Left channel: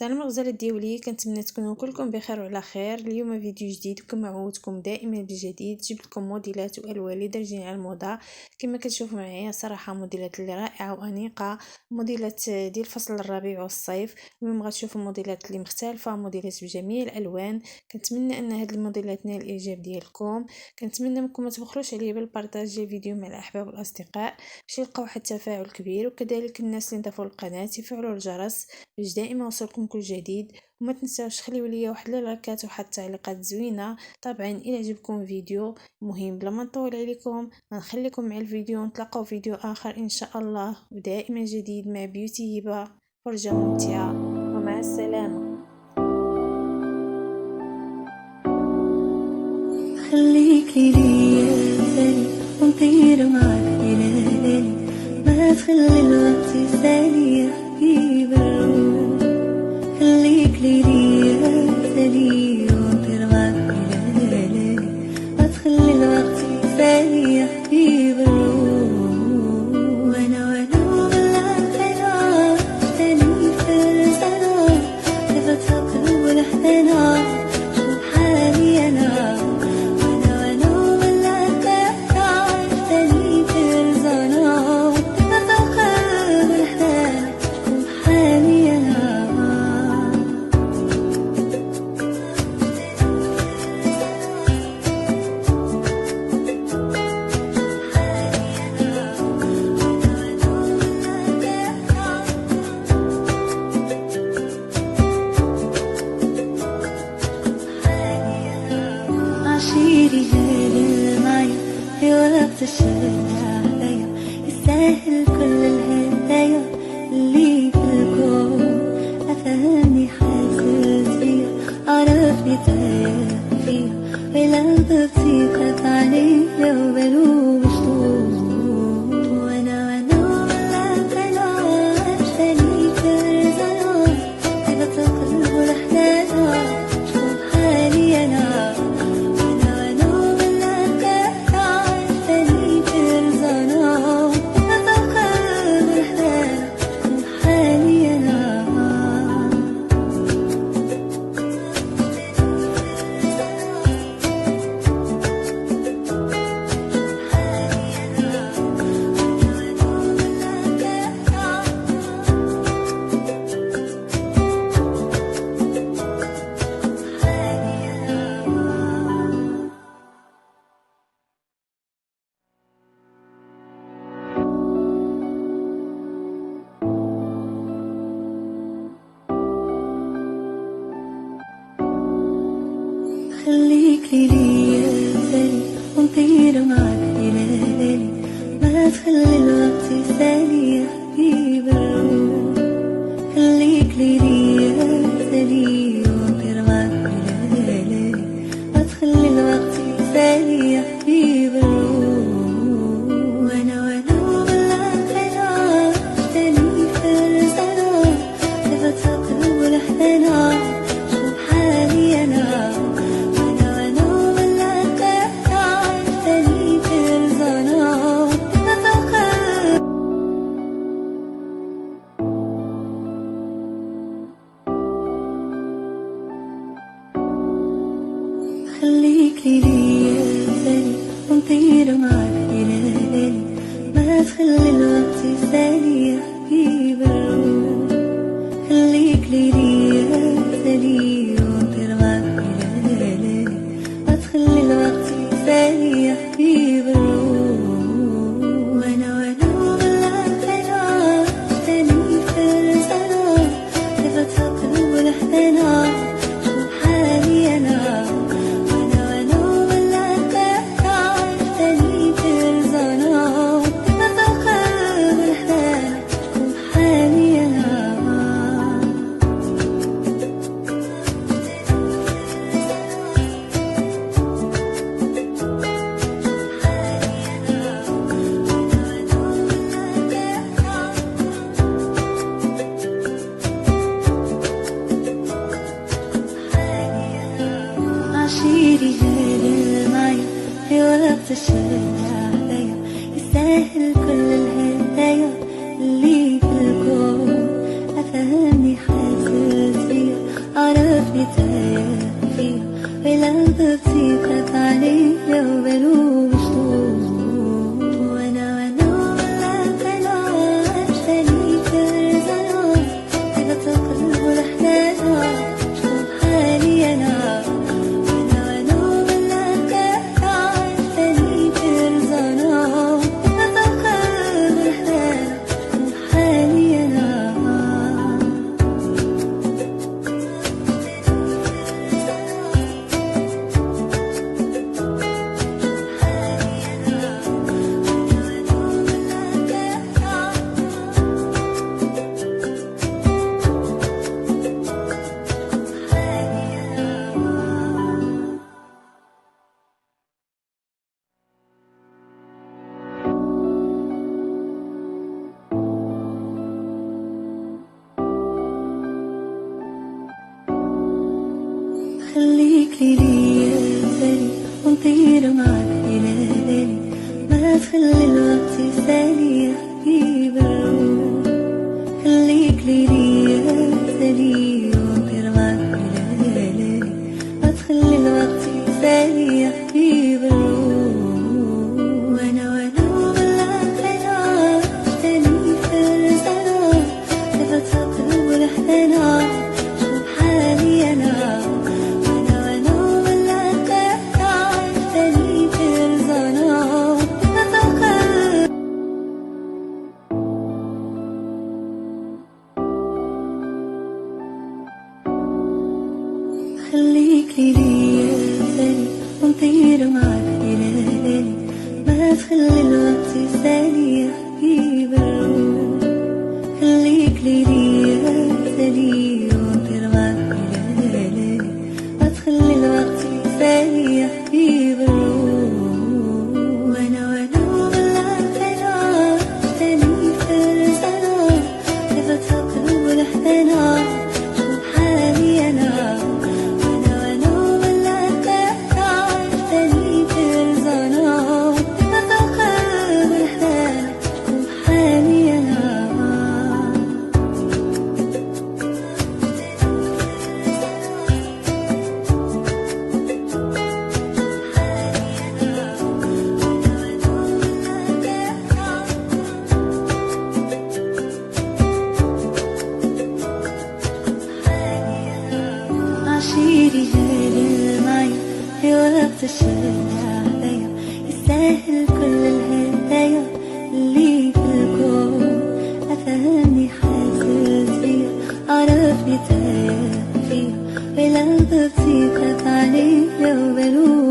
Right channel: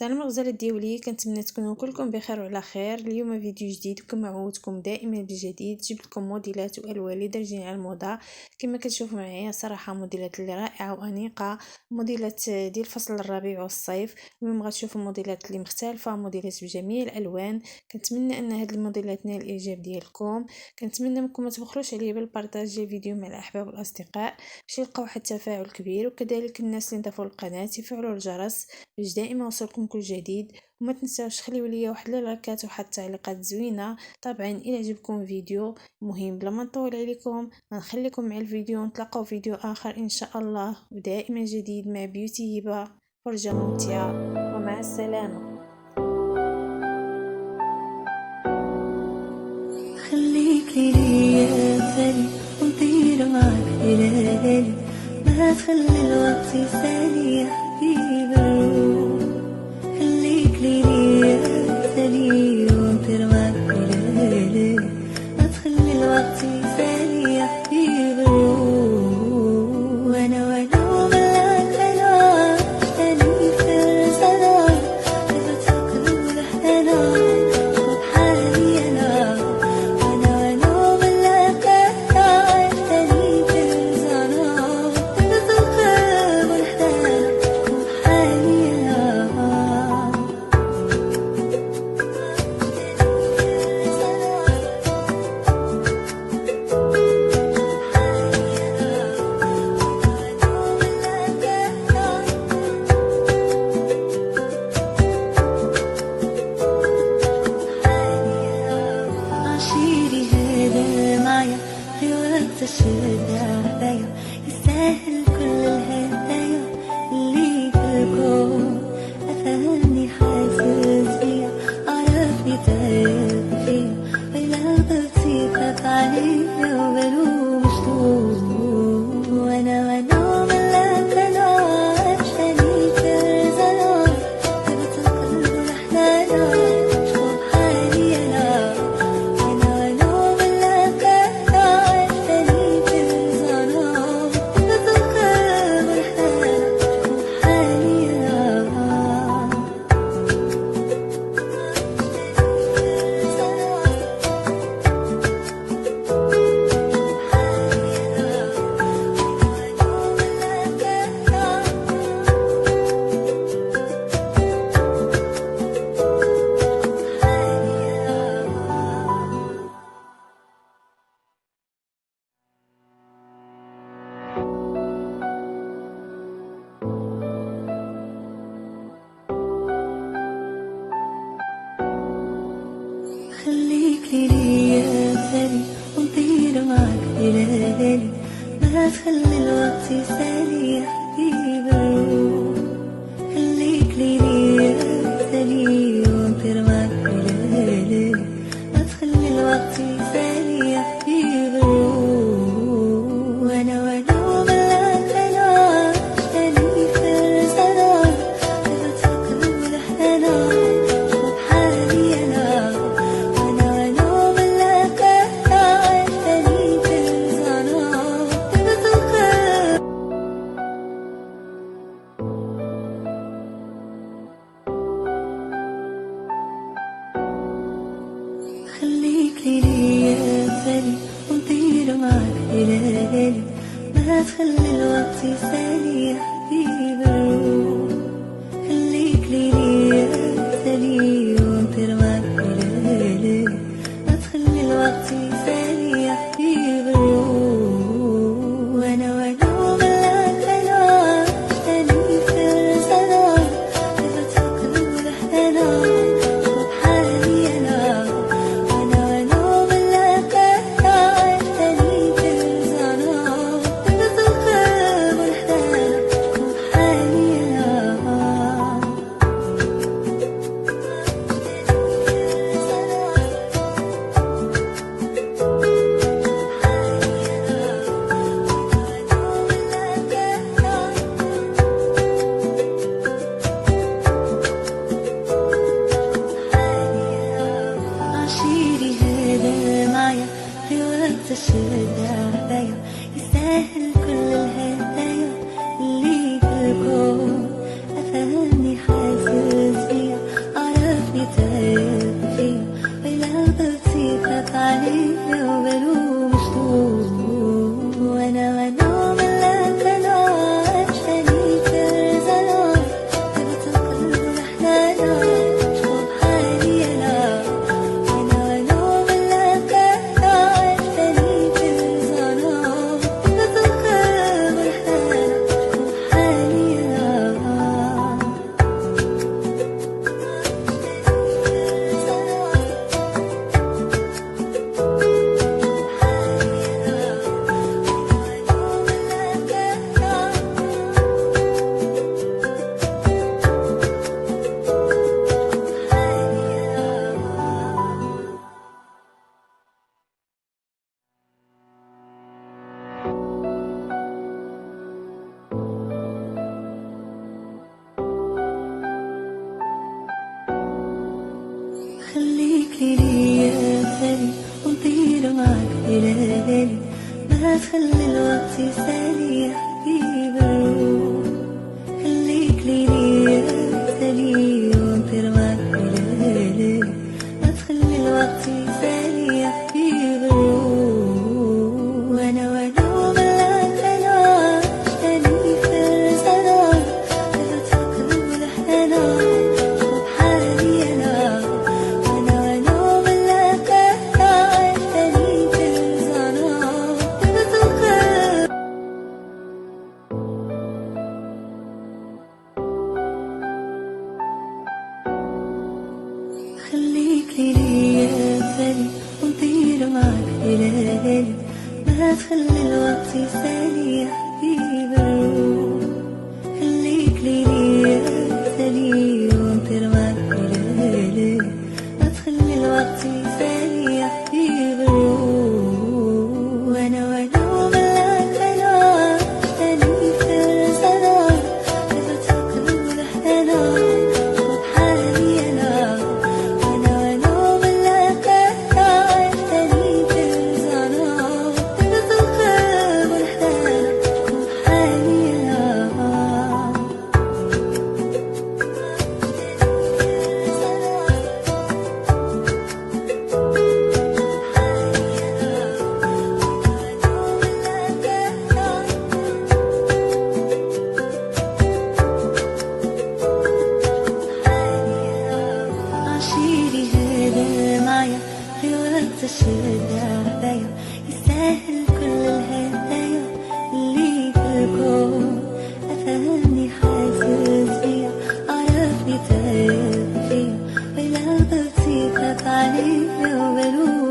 سلام الغزالات ديالي، كنتمنى تكونوا كلكم بخير وعلى خير. اليوم فيديو جديد وكما عودتكم دائما بالجديد جبت لكم موديلات والوان اللي دارجين على الموضه. كما كتشوفوا معايا صراحه موديلات اللي رائعه وانيقه، موديلات ديال فصل الربيع والصيف. اليوم غتشوفوا موديلات اللي مختلفه، موديلات بجميع الالوان. كنتمنى ان هاد الموديلات نال الاعجاب ديالكم. كنتمنى منكم ما تبخلوش عليا بالبارطاج ديال الفيديو مع الاحباب والاصدقاء باش يلقاو واحد التفاعل كبير، وكذلك الناس اللي ضافوا القناه يفعلوا الجرس باش دائما يوصلكم كل جديد. وما تنساوش خليوا لي واحد اللايكات وواحد التعليقات زوينه. طبعا الى عجبكم فيديو مهم بلا ما نطول عليكم غنخليكم مع الفيديو، نتلاقاو فيديو اخر ان شاء الله ودائما جديد مع بيوتي هبه. فرجه ممتعه ومع السلامه. خليكي ليا بالي ونطير معك ليالي، ما تخلي الوقت يسالي يا حبيب الروح. خليك ليا بالي ونطير معك ليالي، ما تخلي الوقت يسالي يا حبيب الروح. وانا وملاك انا عشتني في رزانا، كيف القلب والحنانا شوف حالي انا. عشيري هذا معايا في وقت الشدة عليا، يستاهل كل الهدايا اللي في الكون. أفهمني حاسس بيا، عرفني تايب فيا، ولو ضغطي خاف عليا وبلو مشتوق. وانا وملاك انا عشتني في رزانا، هبة القلب والحنانا شوف حالي انا. خليكي ليا بالي ونطير معك ليالي، ما تخلي الوقت يسالي يا حبيب الروح. خليك ليا بالي ونطير معك ليالي، ما تخلي الوقت يسالي يا حبيب الروح. وانا وملاك انا عشتني في رزانا، هبة القلب والحنانا شوف حالي انا. خليكي ليا بالي ونطير معك ليالي، ما تخلي الوقت يسالي يا حبيب الروح. خليك ليا بالي ونطير معك ليالي، ما تخلي الوقت يسالي يا حبيب الروح. وانا وملاك انا عشتني في رزانا، هبة القلب والحنانا شوف حالي انا. عشيري هذا معايا في وقت الشدة عليا، يستاهل كل الهدايا اللي في الكون. أفهمني حاسس بيا، عرفني تايق فيا، ولو ضبطي خاف عليا وبلوم شلون. وانا ملاك انا عشتني كرزنا، هبت القلب والحنانة شكون بحالي انا. وانا ملاك انا عشتني كرزنا، هبت القلب والحنانة شكون بحالي انا. خليك ليا سالي ونطير معك إلى بالي، ما تخلي الوقت يسالي يا حبيب الروح. خليك ليا سالي ونطير معك إلى بالي، ما تخلي الوقت يسالي يا حبيب الروح. وانا ملاك انا عشتني فرزنا، لفت القلب والحنانة شوف حالي انا. خليك ليا سالي ونطير معك إلى بالي، ما تخلي الوقت يسالي يا حبيب الروح. خليك ليا سالي ونطير معك إلى بالي، ما تخلي الوقت يسالي يا حبيب الروح. وانا ملاك انا عشتني فرزنا، لفت القلب والحنانة شوف حالي انا. عشيري هذا معايا في وقت الشدة عليا، يستاهل كل الهدايا اللي في الكون. أفهمني حاسس بيا، عرفني تايق فيا، ولو ضبطي خاف عليا وبلوم